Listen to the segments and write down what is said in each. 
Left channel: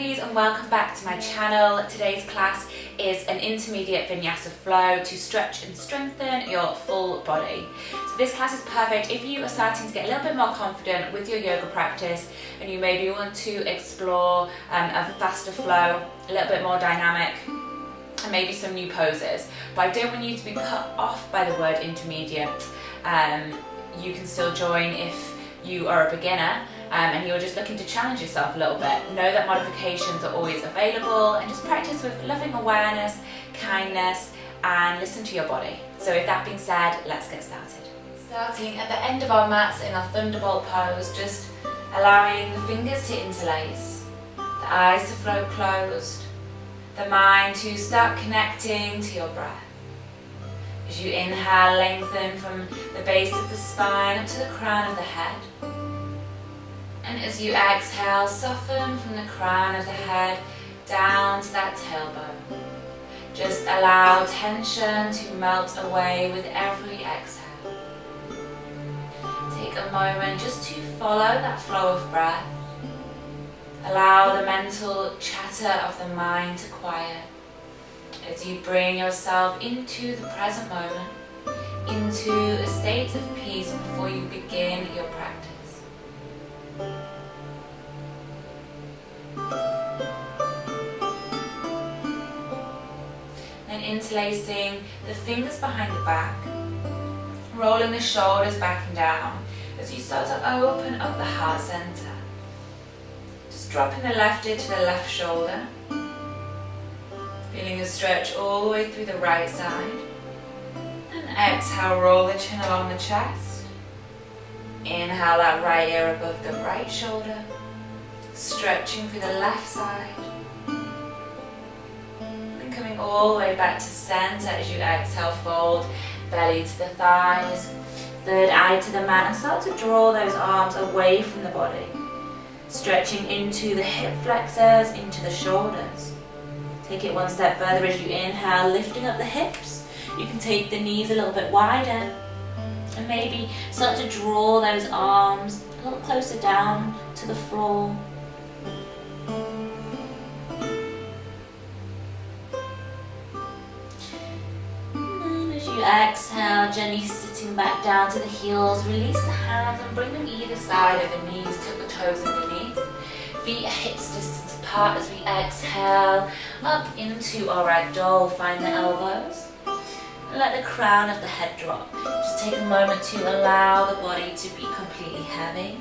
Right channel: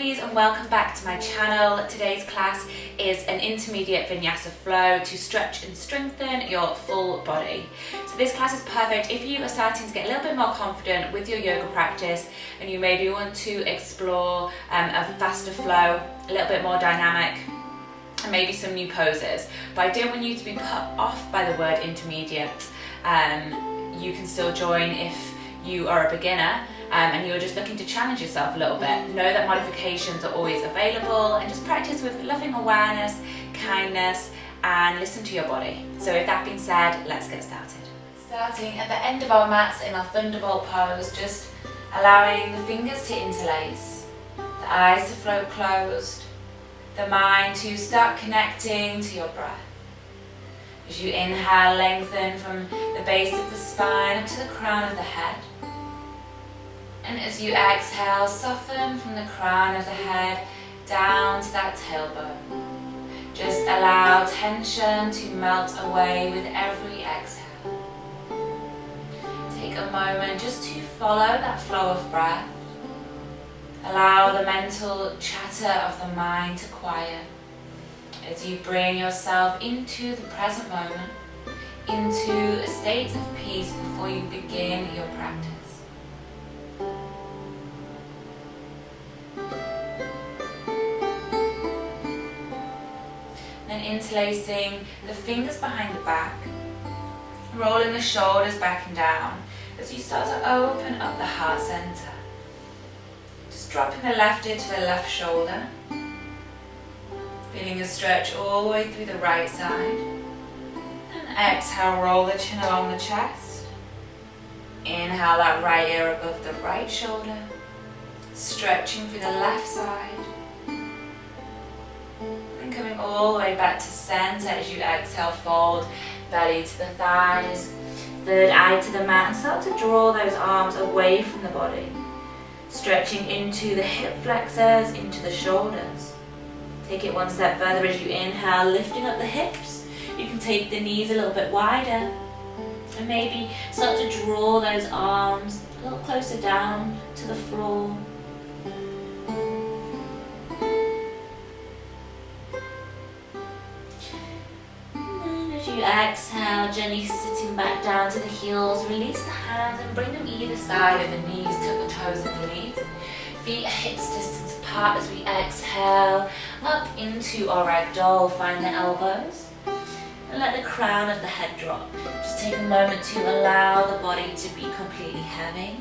lovelies, and welcome back to my channel. Today's class is an intermediate Vinyasa flow to stretch and strengthen your full body. So this class is perfect if you are starting to get a little bit more confident with your yoga practice and you maybe want to explore a faster flow, a little bit more dynamic, and maybe some new poses. But I don't want you to be put off by the word intermediate. You can still join if you are a beginner and you're just looking to challenge yourself a little bit. Know that modifications are always available, and just practice with loving awareness, kindness, and listen to your body. So with that being said, let's get started. Starting at the end of our mats in our thunderbolt pose, just allowing the fingers to interlace, the eyes to flow closed, the mind to start connecting to your breath. As you inhale, lengthen from the base of the spine up to the crown of the head. And as you exhale, soften from the crown of the head down to that tailbone. Just allow tension to melt away with every exhale. Take a moment just to follow that flow of breath. Allow the mental chatter of the mind to quiet as you bring yourself into the present moment, into a state of peace before you begin your practice. Then interlacing the fingers behind the back, rolling the shoulders back and down as you start to open up the heart center. Just dropping the left ear to the left shoulder, feeling the stretch all the way through the right side. And exhale, roll the chin along the chest. Inhale that right ear above the right shoulder, stretching through the left side. And coming all the way back to center as you exhale, fold belly to the thighs, third eye to the mat, and start to draw those arms away from the body. Stretching into the hip flexors, into the shoulders. Take it one step further as you inhale, lifting up the hips. You can take the knees a little bit wider and maybe start to draw those arms a little closer down to the floor. And as you exhale, gently sitting back down to the heels, release the hands and bring them either side of the knees, tuck the toes underneath. Feet are hips distance apart as we exhale up into our ragdoll. Find the elbows and let the crown of the head drop. Just take a moment to allow the body to be completely heavy.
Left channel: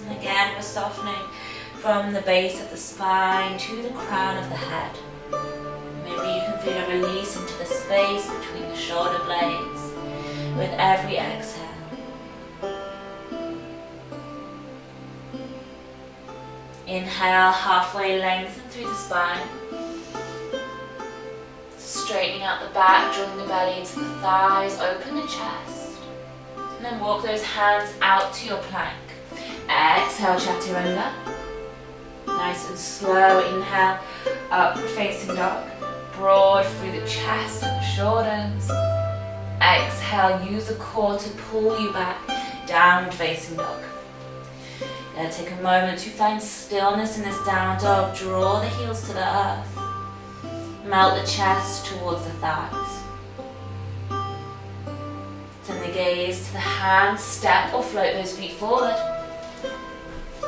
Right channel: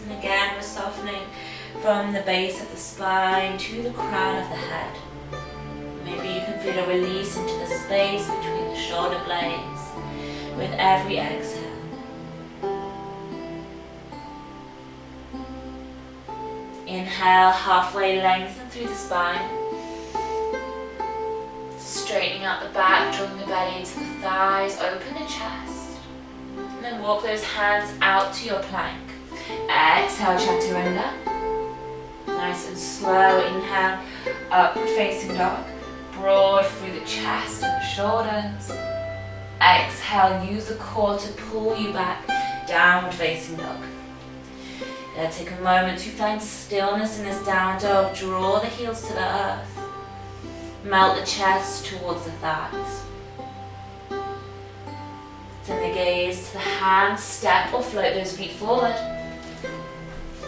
And again, we're softening from the base of the spine to the crown of the head. Maybe you can feel a release into the space between the shoulder blades with every exhale. Inhale, halfway lengthen through the spine. Straightening out the back, drawing the belly to the thighs, open the chest. And then walk those hands out to your plank. Exhale, chaturanga. Nice and slow, inhale, upward facing dog. Broad through the chest and the shoulders. Exhale, use the core to pull you back, downward facing dog. Now take a moment to find stillness in this down dog. Draw the heels to the earth. Melt the chest towards the thighs. Send the gaze to the hands. Step or float those feet forward.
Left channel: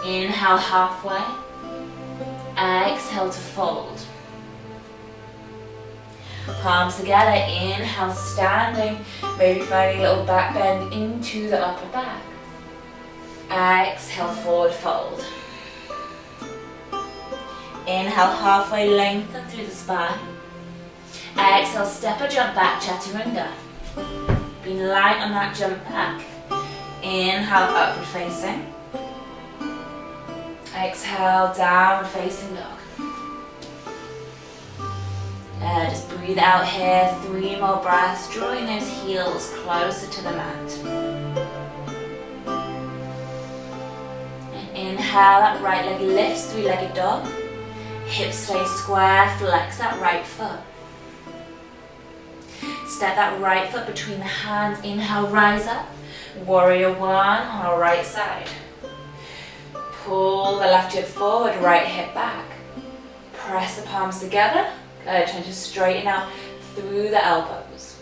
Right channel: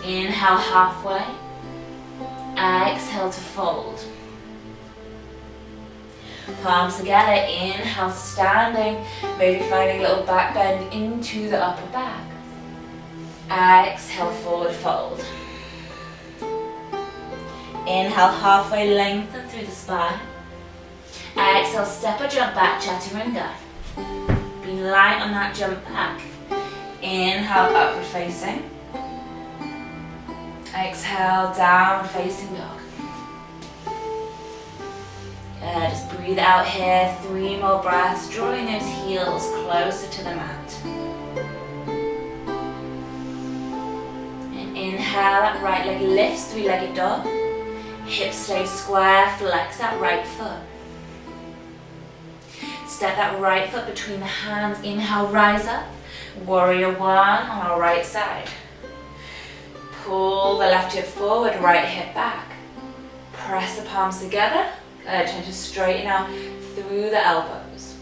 Inhale halfway. Exhale to fold. Palms together. Inhale standing. Maybe finding a little back bend into the upper back. Exhale, forward fold. Inhale, halfway lengthen through the spine. Exhale, step or jump back, chaturanga. Be light on that jump back. Inhale, upward facing. Exhale, downward facing dog. Just breathe out here. 3 more breaths, drawing those heels closer to the mat. Inhale, that right leg lifts, 3-legged dog. Hips stay square, flex that right foot. Step that right foot between the hands. Inhale, rise up. Warrior 1 on our right side. Pull the left hip forward, right hip back. Press the palms together. Good, trying to straighten out through the elbows.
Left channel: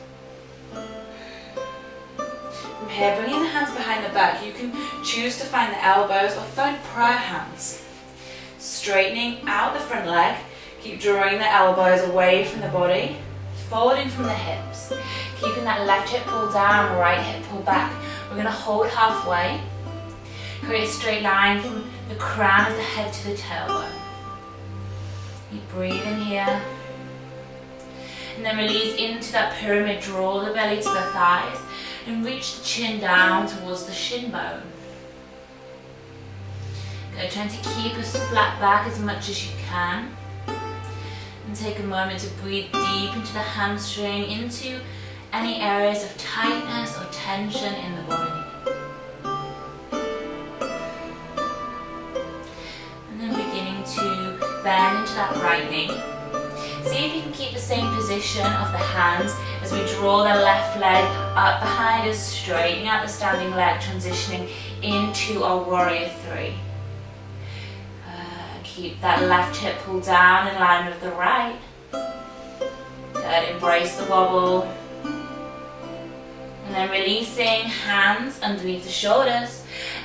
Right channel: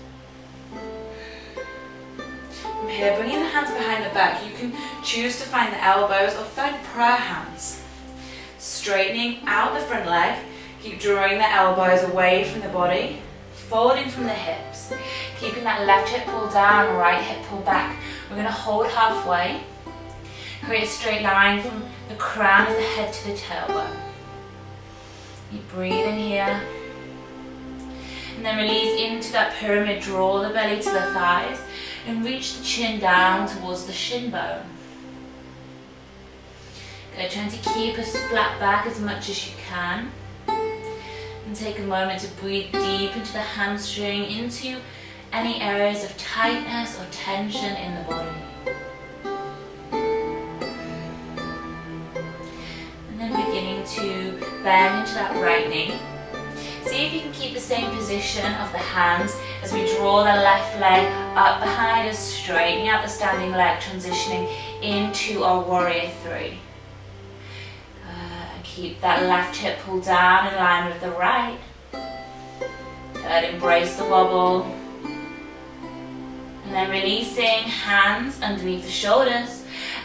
From here, bringing the hands behind the back, you can choose to find the elbows or find prayer hands. Straightening out the front leg, keep drawing the elbows away from the body, folding from the hips, keeping that left hip pulled down, right hip pulled back. We're going to hold halfway, create a straight line from the crown of the head to the tailbone. Keep breathing here. And then release into that pyramid, draw the belly to the thighs and reach the chin down towards the shin bone. Good, trying to keep a flat back as much as you can. And take a moment to breathe deep into the hamstring, into any areas of tightness or tension in the body. And then beginning to bend into that right knee. See if you can keep the same position of the hands as we draw the left leg up behind us, straightening out the standing leg, transitioning into our warrior three. Keep that left hip pulled down in line with the right. Good, embrace the wobble. And then releasing hands underneath the shoulders.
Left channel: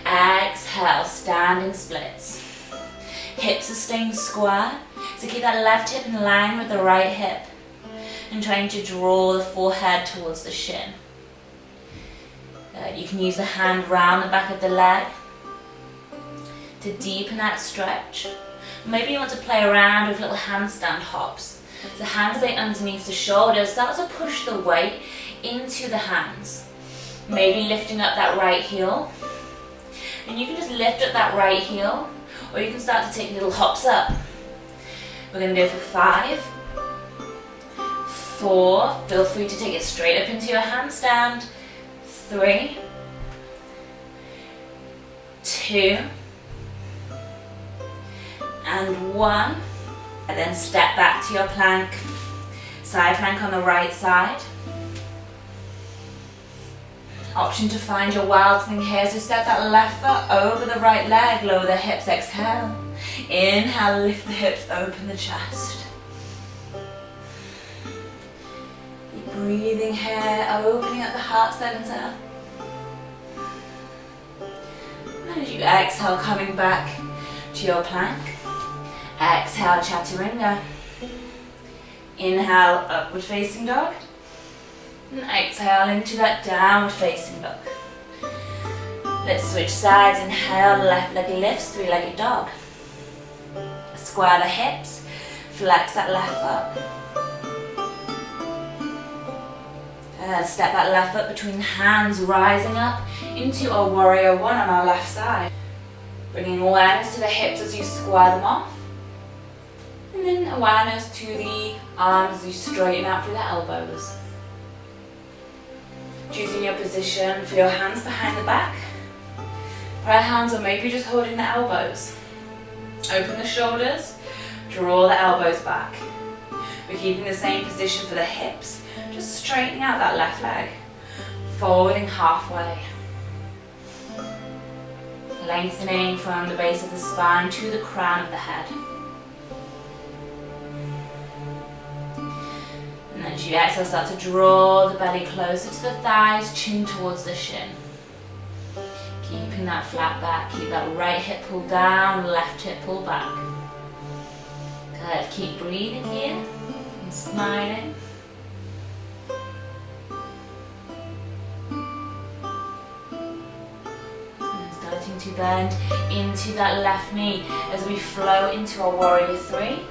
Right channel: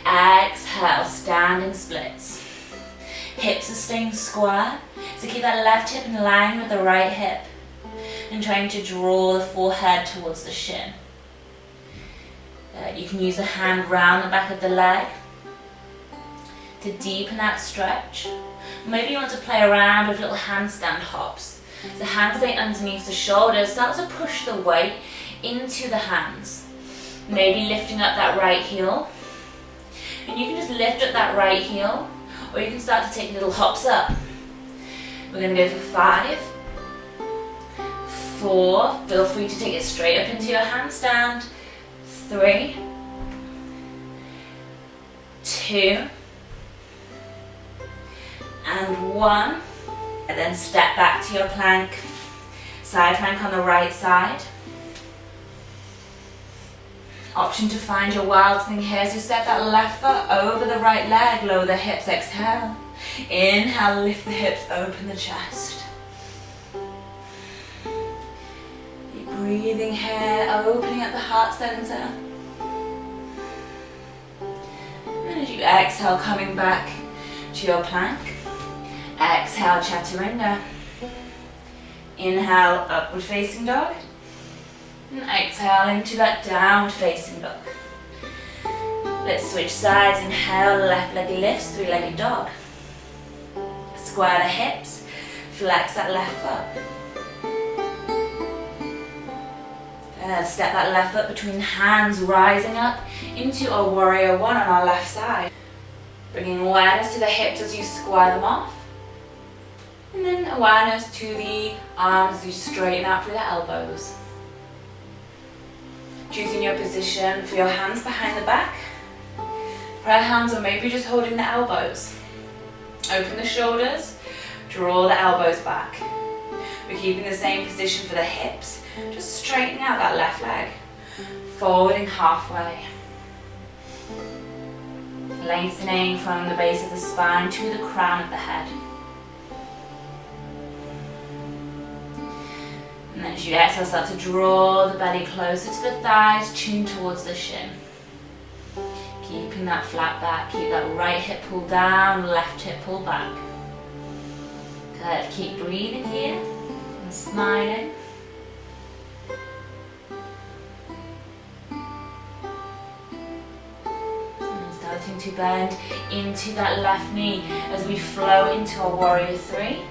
Exhale, standing splits. Hips are staying square. So keep that left hip in line with the right hip. And trying to draw the forehead towards the shin. Good, you can use the hand round the back of the leg to deepen that stretch. Maybe you want to play around with little handstand hops. The hands stay underneath the shoulders. Start to push the weight into the hands. Maybe lifting up that right heel. And you can just lift up that right heel, or you can start to take little hops up. We're going to go for 5, 4. Feel free to take it straight up into your handstand. 3, 2, and 1, and then step back to your plank, side plank on the right side. Option to find your wild thing here, so step that left foot over the right leg, lower the hips, exhale. Inhale, lift the hips, open the chest. Keep breathing here, opening up the heart center. And as you exhale, coming back to your plank. Exhale, chaturanga. Inhale, upward facing dog. And exhale into that downward facing dog. Let's switch sides. Inhale, left leg lifts, three-legged dog. Square the hips, flex that left foot. Step that left foot between the hands, rising up into a warrior one on our left side. Bringing awareness to the hips as you square them off. And then awareness to the arms as you straighten out through the elbows. Choosing your position for your hands behind the back. Prayer hands, or maybe just holding the elbows. Open the shoulders, draw the elbows back. We're keeping the same position for the hips, just straightening out that left leg. Folding halfway. Lengthening from the base of the spine to the crown of the head. And then as you exhale, start to draw the belly closer to the thighs, chin towards the shin. Keeping that flat back, keep that right hip pulled down, left hip pulled back. Good, keep breathing here and smiling. And starting to bend into that left knee as we flow into our warrior three.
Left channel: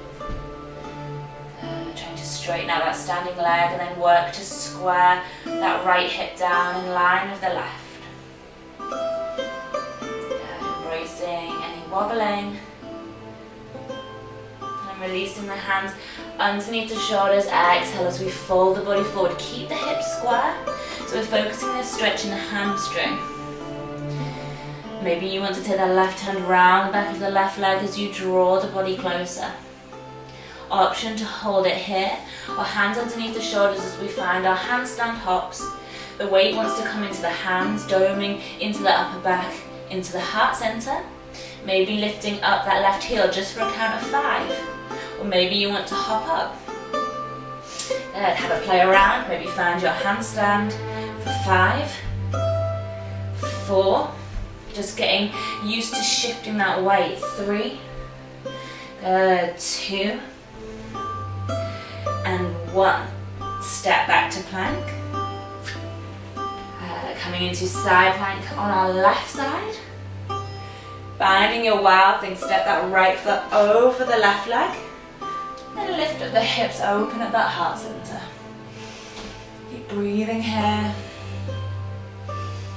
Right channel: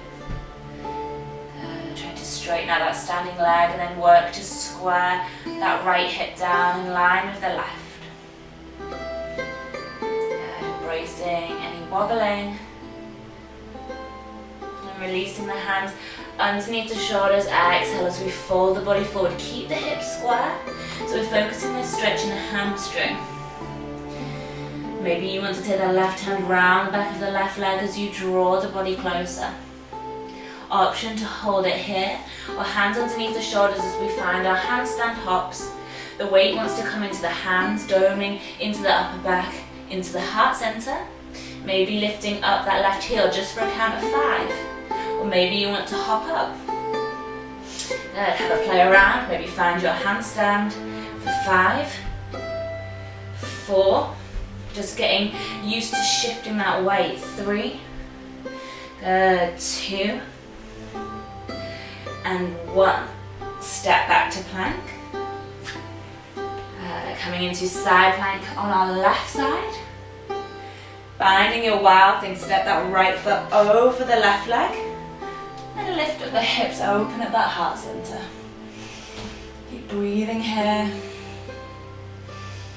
Straighten out that standing leg and then work to square that right hip down in line with the left. Good, embracing any wobbling. And releasing the hands underneath the shoulders. Exhale as we fold the body forward. Keep the hips square. So we're focusing this stretch in the hamstring. Maybe you want to take that left hand round the back of the left leg as you draw the body closer. Option to hold it here, or hands underneath the shoulders as we find our handstand hops. The weight wants to come into the hands, doming into the upper back, into the heart center. Maybe lifting up that left heel just for a count of 5. Or maybe you want to hop up. Good, have a play around. Maybe find your handstand for 5, 4, just getting used to shifting that weight. 3, good, 2, and 1. Step back to plank. Coming into side plank on our left side. Finding your wild thing, step that right foot over the left leg. And lift up the hips, open at that heart center. Keep breathing here.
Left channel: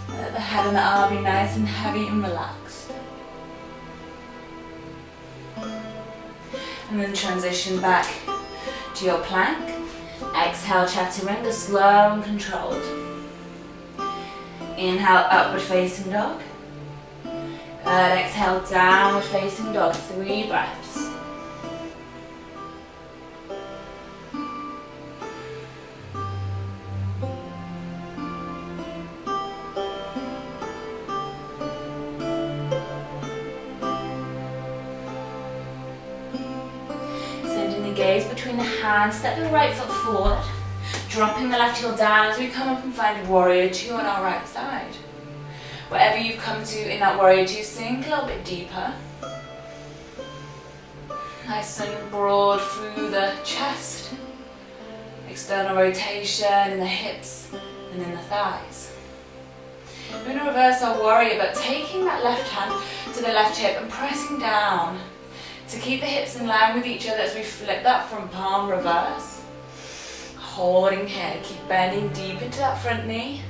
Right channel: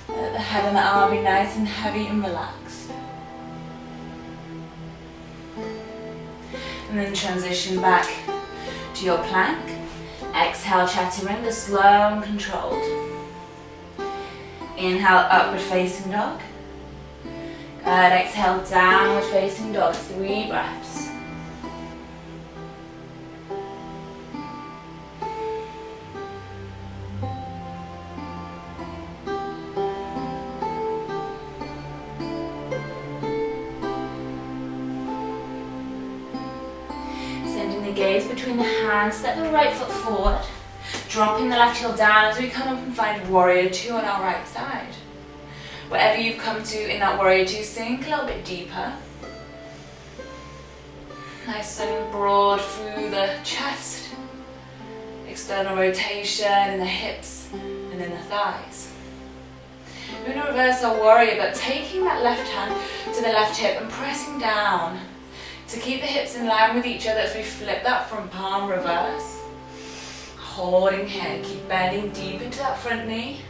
Let the head and the arm be nice and heavy and relaxed. And then transition back to your plank. Exhale, chaturanga, slow and controlled. Inhale, upward facing dog. Good, exhale, downward facing dog, 3 breaths. Sending the gaze between the hands, step the right foot forward. Dropping the left heel down as we come up and find warrior 2 on our right side. Wherever you've come to in that warrior 2, sink a little bit deeper. Nice and broad through the chest. External rotation in the hips and in the thighs. We're going to reverse our warrior, but taking that left hand to the left hip and pressing down to keep the hips in line with each other as we flip that front palm reverse. Holding here, keep bending deep into that front knee.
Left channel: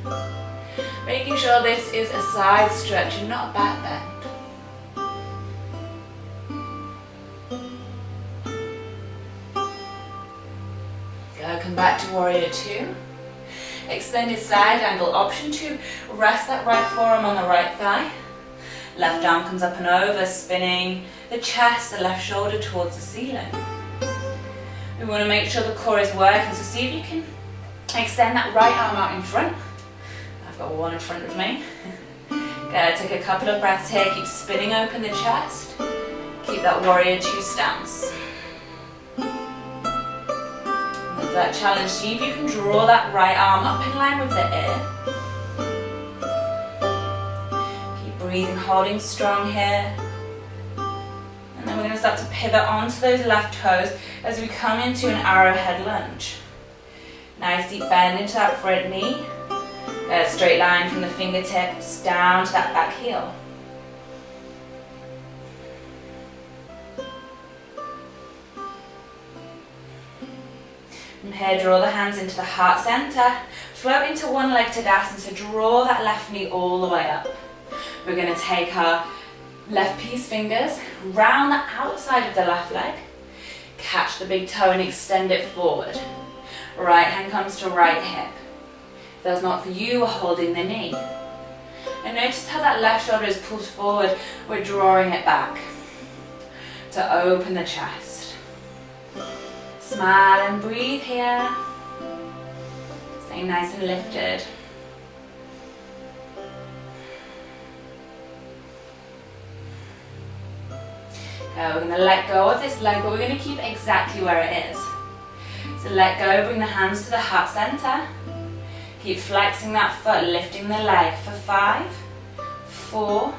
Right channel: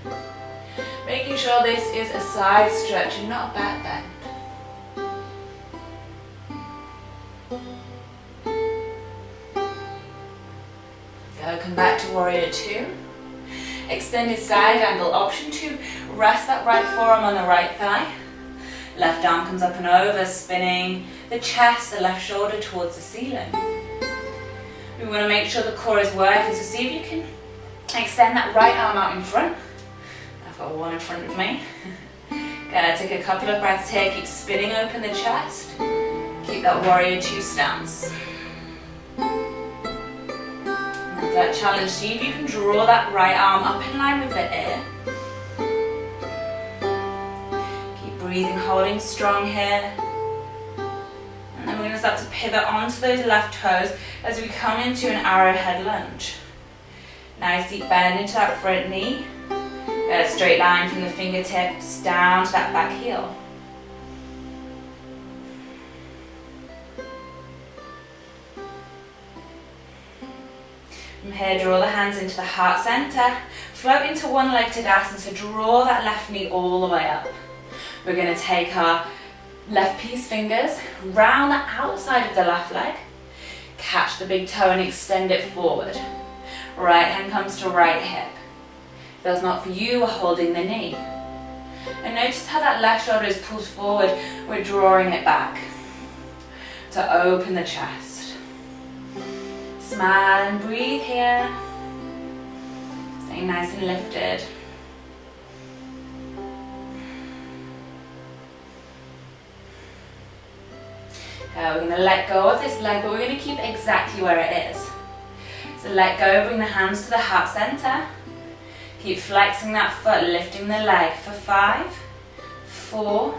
Making sure this is a side stretch and not a back bend. Go, come back to warrior 2. Extended side angle, option 2, rest that right forearm on the right thigh. Left arm comes up and over, spinning the chest, the left shoulder towards the ceiling. We want to make sure the core is working, so see if you can extend that right arm out in front. I've got one in front of me. Good, take a couple of breaths here, keep spinning open the chest. Keep that warrior 2 stance. With that challenge, see if you can draw that right arm up in line with the ear. Keep breathing, holding strong here. And then we're going to start to pivot onto those left toes as we come into an arrowhead lunge. Nice deep bend into that front knee. A straight line from the fingertips down to that back heel. From here, draw the hands into the heart center. Float into one-legged Tadasana, so draw that left knee all the way up. We're going to take our left peace fingers, round the outside of the left leg, catch the big toe and extend it forward. Right hand comes to right hip. If that's not for you, we're holding the knee. And notice how that left shoulder is pulled forward, we're drawing it back to open the chest. Smile and breathe here. Staying nice and lifted. We're going to let go of this leg, but we're going to keep it exactly where it is. So let go, bring the hands to the heart center. Keep flexing that foot, lifting the leg for 5, 4,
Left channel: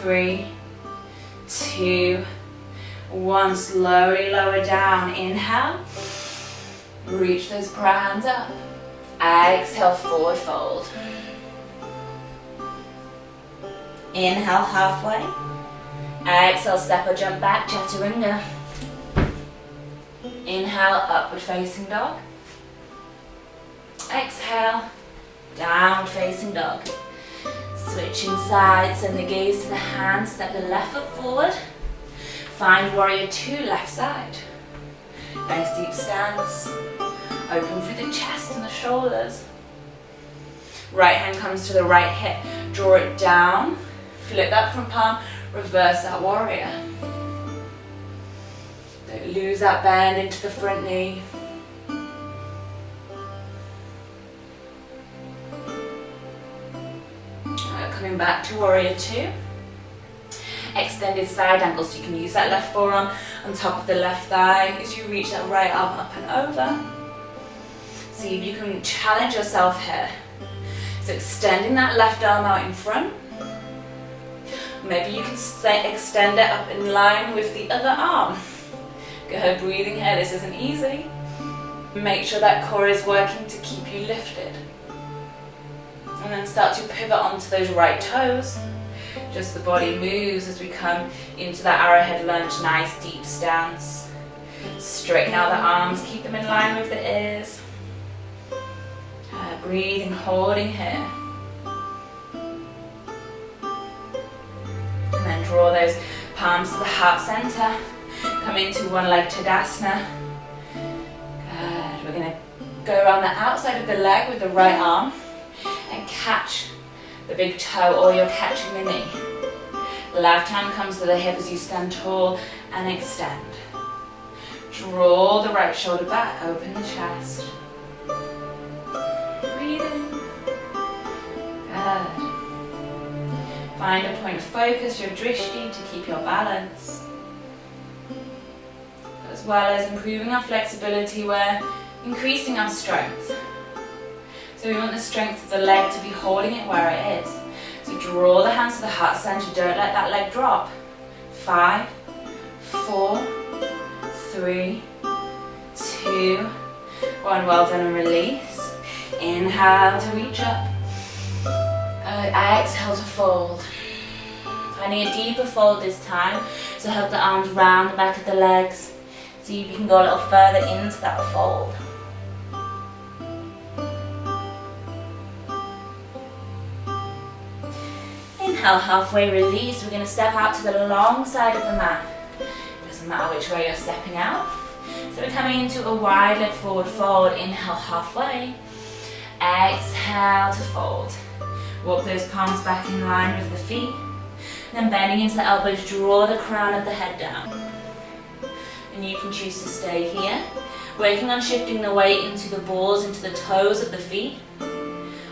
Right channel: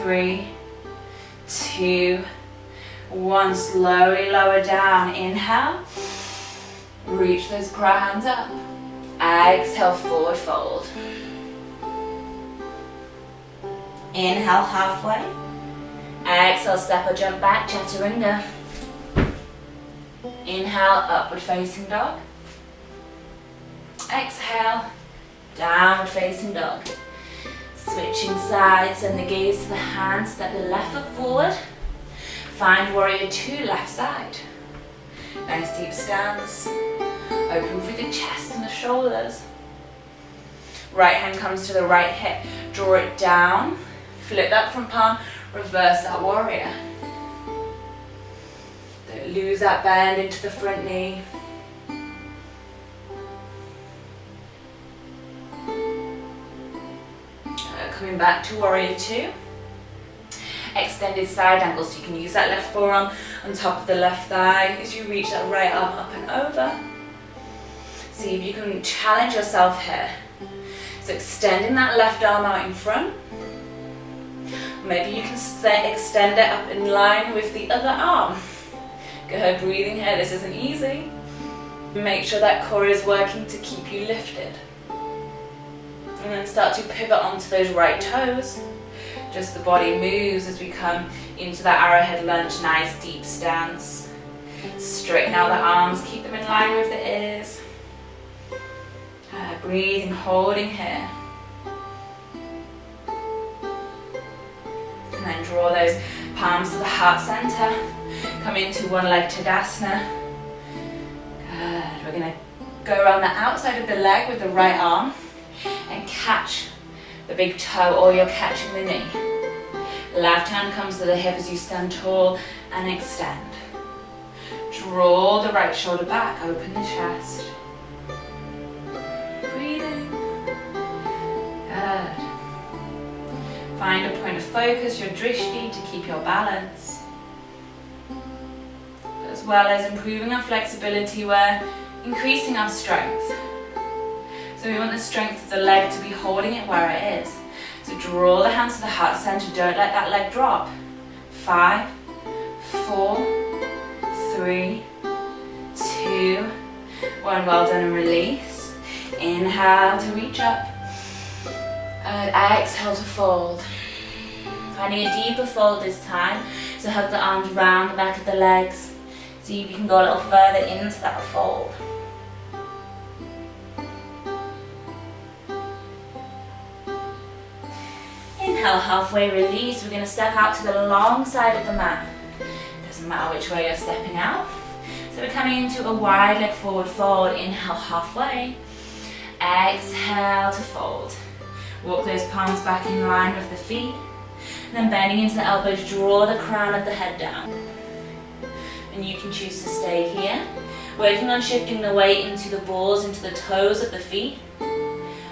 3, 2, 1. Slowly lower down. Inhale. Reach those prayer hands up. Exhale, forward fold. Inhale, halfway. Exhale, step or jump back, chaturanga. Inhale, upward facing dog. Exhale, downward facing dog. Switching sides, send the gaze to the hands, step the left foot forward. Find warrior 2, left side. Nice deep stance. Open through the chest and the shoulders. Right hand comes to the right hip. Draw it down. Flip that front palm. Reverse that warrior. Don't lose that bend into the front knee. Coming back to warrior 2. extended side angle, so you can use that left forearm on top of the left thigh as you reach that right arm up and over. See if you can challenge yourself here. So extending that left arm out in front. Maybe you can extend it up in line with the other arm. Good, breathing here, this isn't easy. Make sure that core is working to keep you lifted. And then start to pivot onto those right toes. Just the body moves as we come into that arrowhead lunge, nice deep stance. Straighten out the arms, keep them in line with the ears. Breathing, holding here. And then draw those palms to the heart center. Come into one leg Tadasana. Good. We're going to go around the outside of the leg with the right arm and catch the big toe, or you're catching the knee. Left hand comes to the hip as you stand tall and extend. Draw the right shoulder back, open the chest. Breathing. Good. Find a point of focus, your drishti, to keep your balance. As well as improving our flexibility, we're increasing our strength. So we want the strength of the leg to be holding it where it is. So draw the hands to the heart center, don't let that leg drop. 5, 4, 3, 2, 1, well done, and release. Inhale to reach up. Exhale to fold. Finding a deeper fold this time, so hug the arms round the back of the legs. See if you can go a little further into that fold. Inhale, halfway release. We're going to step out to the long side of the mat. Doesn't matter which way you're stepping out. So we're coming into a wide leg forward fold. Inhale, halfway. Exhale to fold. Walk those palms back in line with the feet. And then bending into the elbows, draw the crown of the head down. And you can choose to stay here, working on shifting the weight into the balls, into the toes of the feet.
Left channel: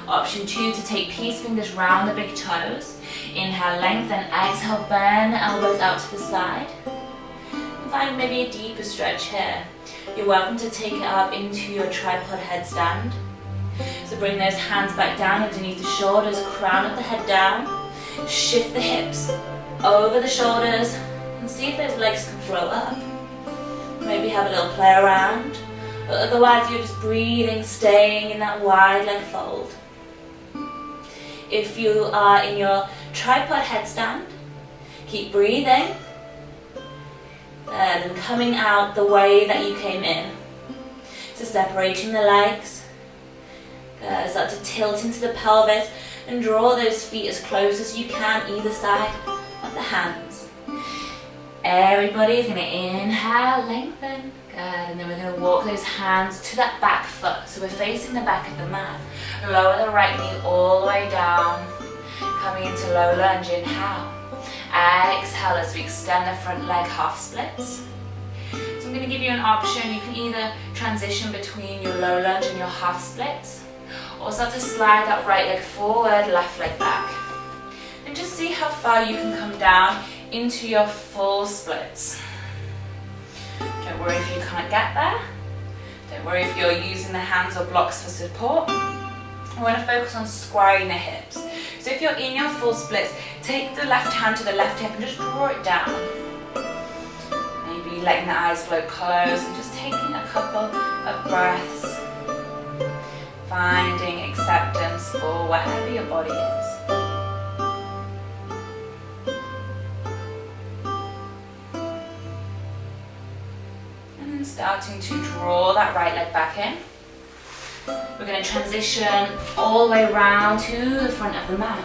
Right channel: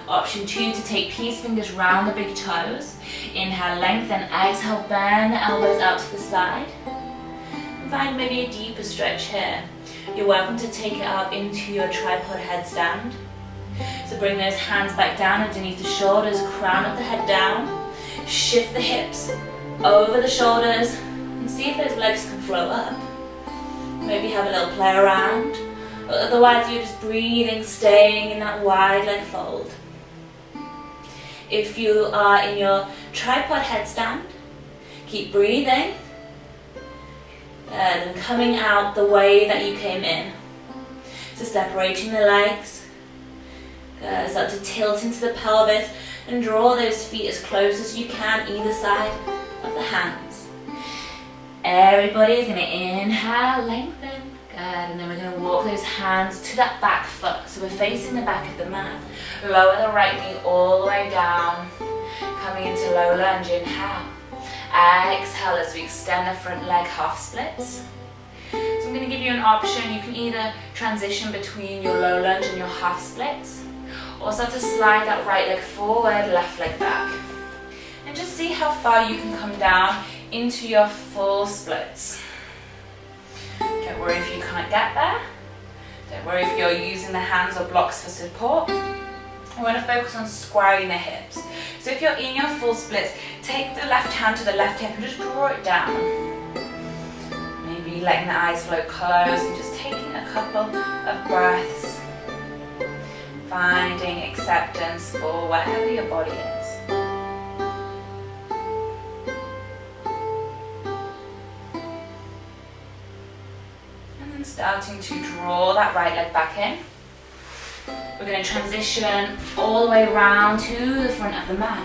Option 2, to take peace fingers round the big toes. Inhale, lengthen, exhale, bend the elbows out to the side. And find maybe a deeper stretch here. You're welcome to take it up into your tripod headstand. So bring those hands back down underneath the shoulders, crown of the head down. Shift the hips over the shoulders and see if those legs can flow up. Maybe have a little play around. But otherwise you're just breathing, staying in that wide leg fold. If you are in your tripod headstand, keep breathing. And coming out the way that you came in. So separating the legs. Start to tilt into the pelvis and draw those feet as close as you can either side of the hands. Everybody is going to inhale, lengthen. Good. And then we're going to walk those hands to that back foot. So we're facing the back of the mat. Lower the right knee all the way down. Coming into low lunge, inhale. Exhale as we extend the front leg, half splits. So I'm going to give you an option. You can either transition between your low lunge and your half splits, or start to slide that right leg forward, left leg back. And just see how far you can come down into your full splits. Don't worry if you can't get there. Don't worry if you're using the hands or blocks for support. I want to focus on squaring the hips. So if you're in your full splits, take the left hand to the left hip and just draw it down. Maybe letting the eyes flow closed and just taking a couple of breaths. Finding acceptance for wherever your body is. And then starting to draw that right leg back in. We're going to transition all the way around to the front of the mat.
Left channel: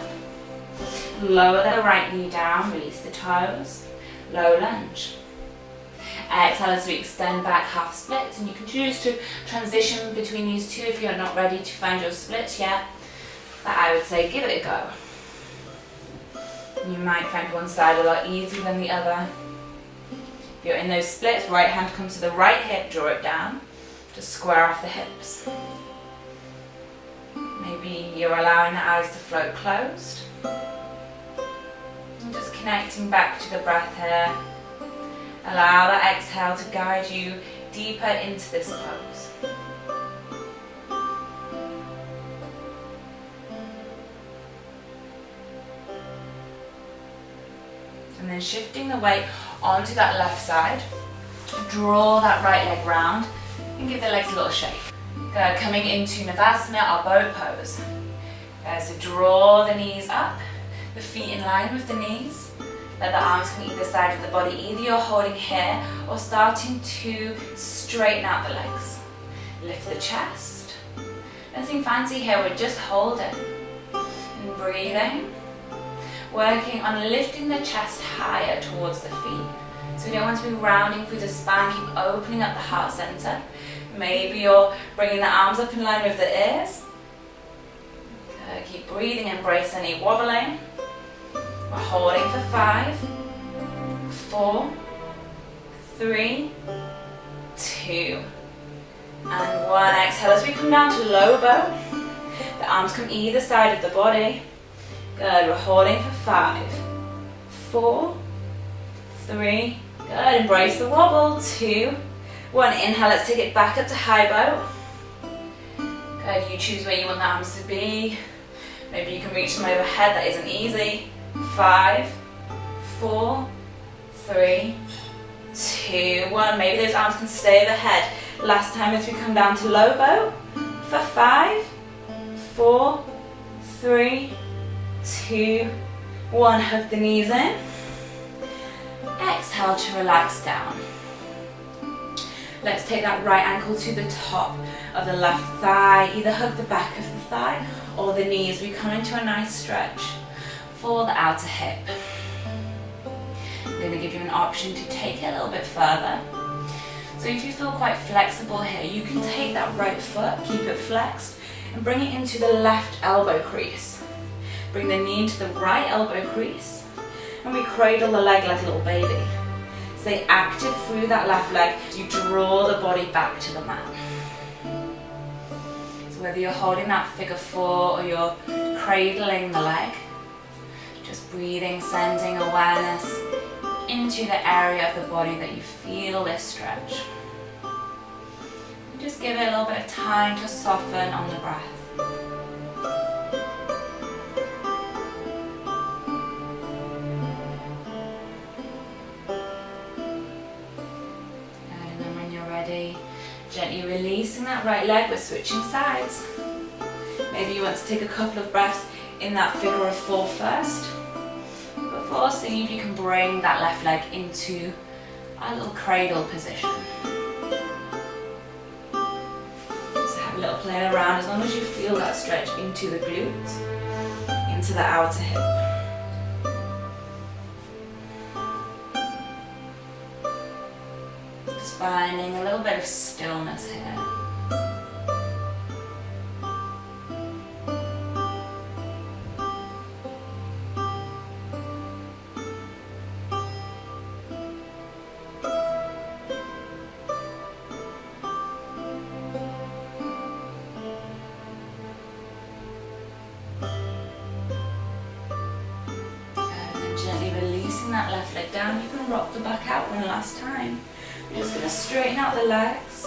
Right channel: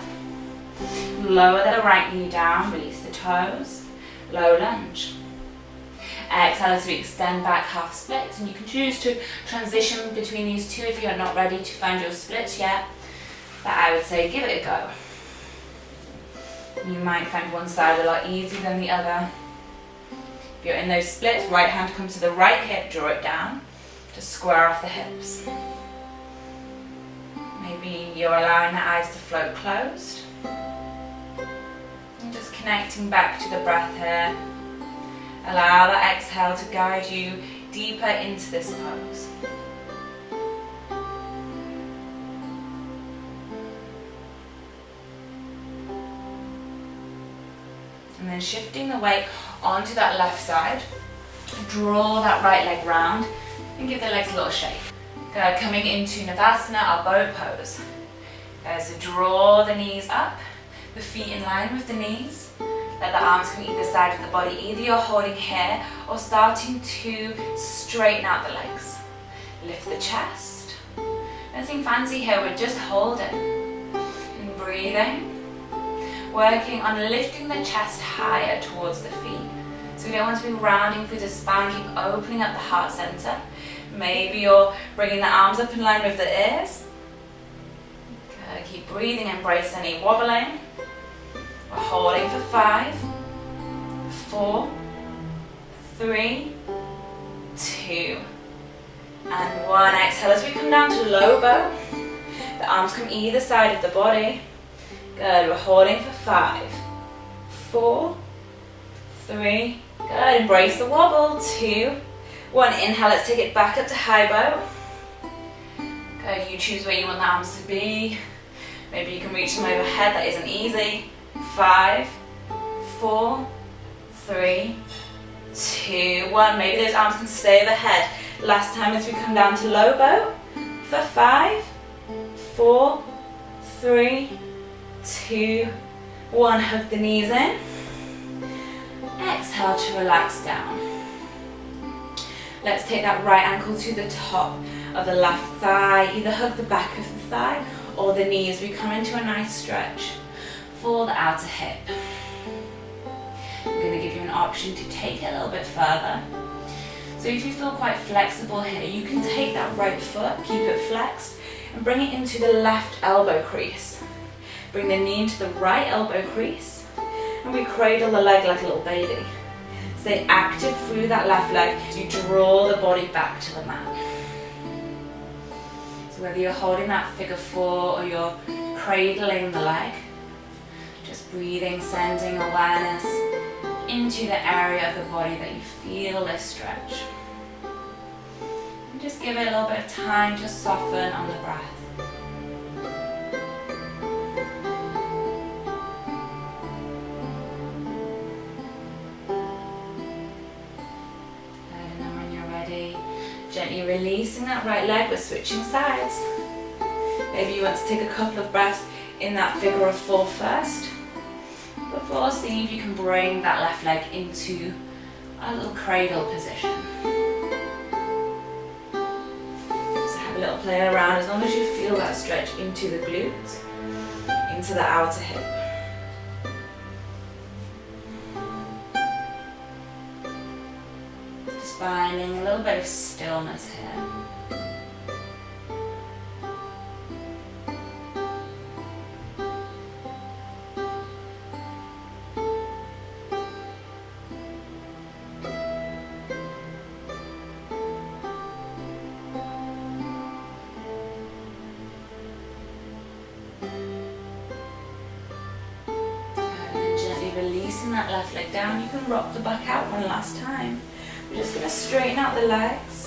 Lower the right knee down, release the toes, low lunge. Exhale as we extend back, half splits, and you can choose to transition between these two if you're not ready to find your splits yet, but I would say give it a go. You might find one side a lot easier than the other. If you're in those splits, right hand comes to the right hip, draw it down, just square off the hips. Maybe you're allowing the eyes to float closed. And just connecting back to the breath here. Allow that exhale to guide you deeper into this pose. And then shifting the weight onto that left side. Draw that right leg round and give the legs a little shake. Good. Coming into Navasana, our boat pose. So draw the knees up, the feet in line with the knees. Let the arms come either side of the body. Either you're holding here or starting to straighten out the legs. Lift the chest. Nothing fancy here, we're just holding. And breathing. Working on lifting the chest higher towards the feet. So we don't want to be rounding through the spine, keep opening up the heart center. Maybe you're bringing the arms up in line with the ears. Good. Keep breathing, embrace any wobbling. We're holding for 5, 4, 3, 2, and 1. Exhale as we come down to low boat. The arms come either side of the body. Good. We're holding for 5, 4, 3. Good. Embrace the wobble. 2, 1. Inhale. Let's take it back up to high boat. Good. You choose where you want the arms to be. Maybe you can reach them overhead. That isn't easy. 5, 4, 3, 2, 1. Maybe those arms can stay overhead. Last time as we come down to low boat. For 5, 4, 3, 2, 1. Hug the knees in. Exhale to relax down. Let's take that right ankle to the top of the left thigh. Either hug the back of the thigh or the knees. We come into a nice stretch for the outer hip. I'm going to give you an option to take it a little bit further. So if you feel quite flexible here, you can take that right foot, keep it flexed, and bring it into the left elbow crease. Bring the knee into the right elbow crease, and we cradle the leg like a little baby. Stay active through that left leg as you draw the body back to the mat. So whether you're holding that figure 4 or you're cradling the leg, just breathing, sending awareness into the area of the body that you feel this stretch. And just give it a little bit of time to soften on the breath. And then when you're ready, gently releasing that right leg, we're switching sides. Maybe you want to take a couple of breaths in that figure of 4 first, before seeing if you can bring that left leg into a little cradle position. So have a little play around as long as you feel that stretch into the glutes, into the outer hip. Just finding a little bit of stillness here. Releasing that left leg down, you can rock the back out one last time. We're just going to straighten out the legs.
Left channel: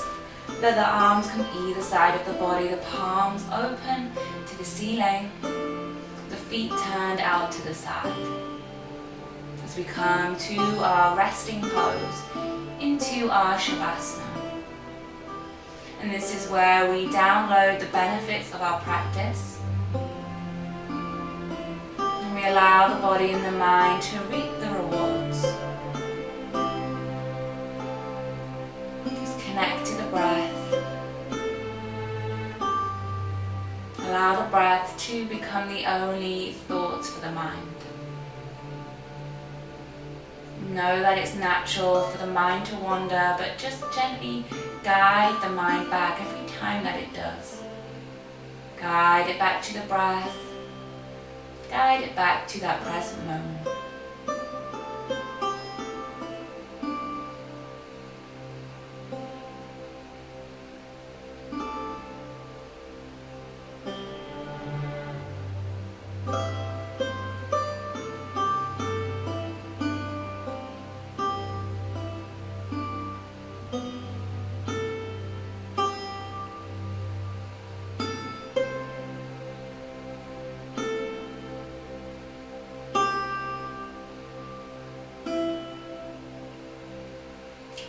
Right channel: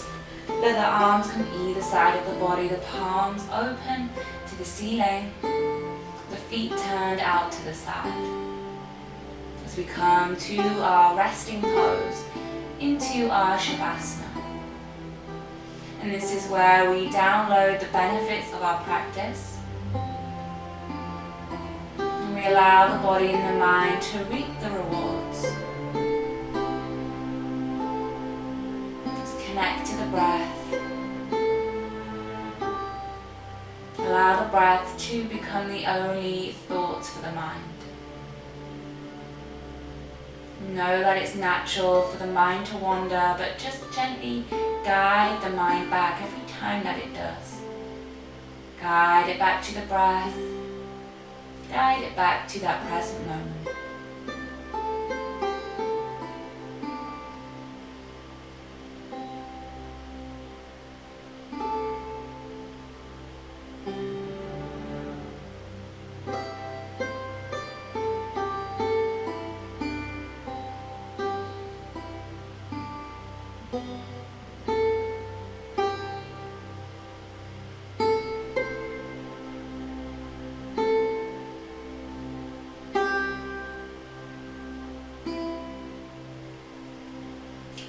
Let the arms come either side of the body, the palms open to the ceiling, the feet turned out to the side. As we come to our resting pose, into our Shavasana. And this is where we download the benefits of our practice. And we allow the body and the mind to reap the rewards. Just connect to the breath. Allow the breath to become the only thoughts for the mind. Know that it's natural for the mind to wander, but just gently guide the mind back every time that it does. Guide it back to the breath. Guide it back to that present moment.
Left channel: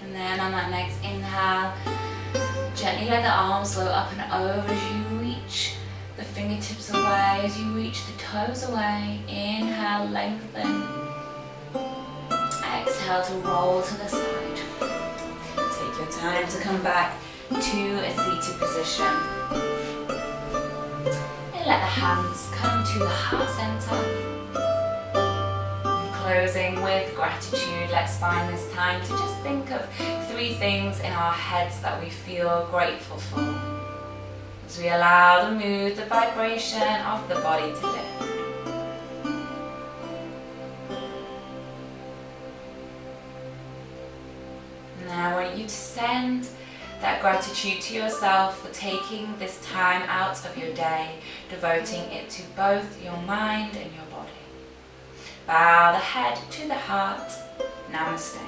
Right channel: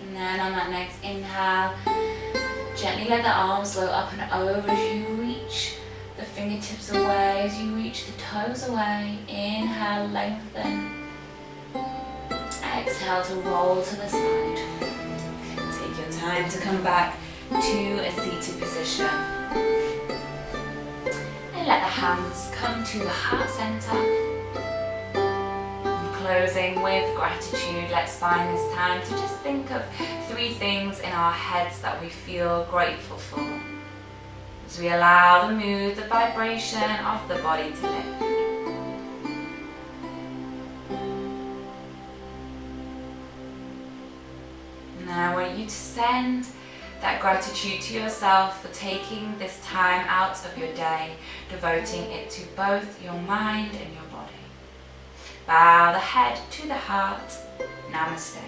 And then on that next inhale, gently let the arms float up and over as you reach the fingertips away, as you reach the toes away. Inhale, lengthen. Exhale to roll to the side. Take your time to come back to a seated position. And let the hands come to the heart center. Closing with gratitude, let's find this time to just think of 3 things in our heads that we feel grateful for, as we allow the mood, the vibration of the body to lift. Now I want you to send that gratitude to yourself for taking this time out of your day, devoting it to both your mind and your body. Bow the head to the heart. Namaste.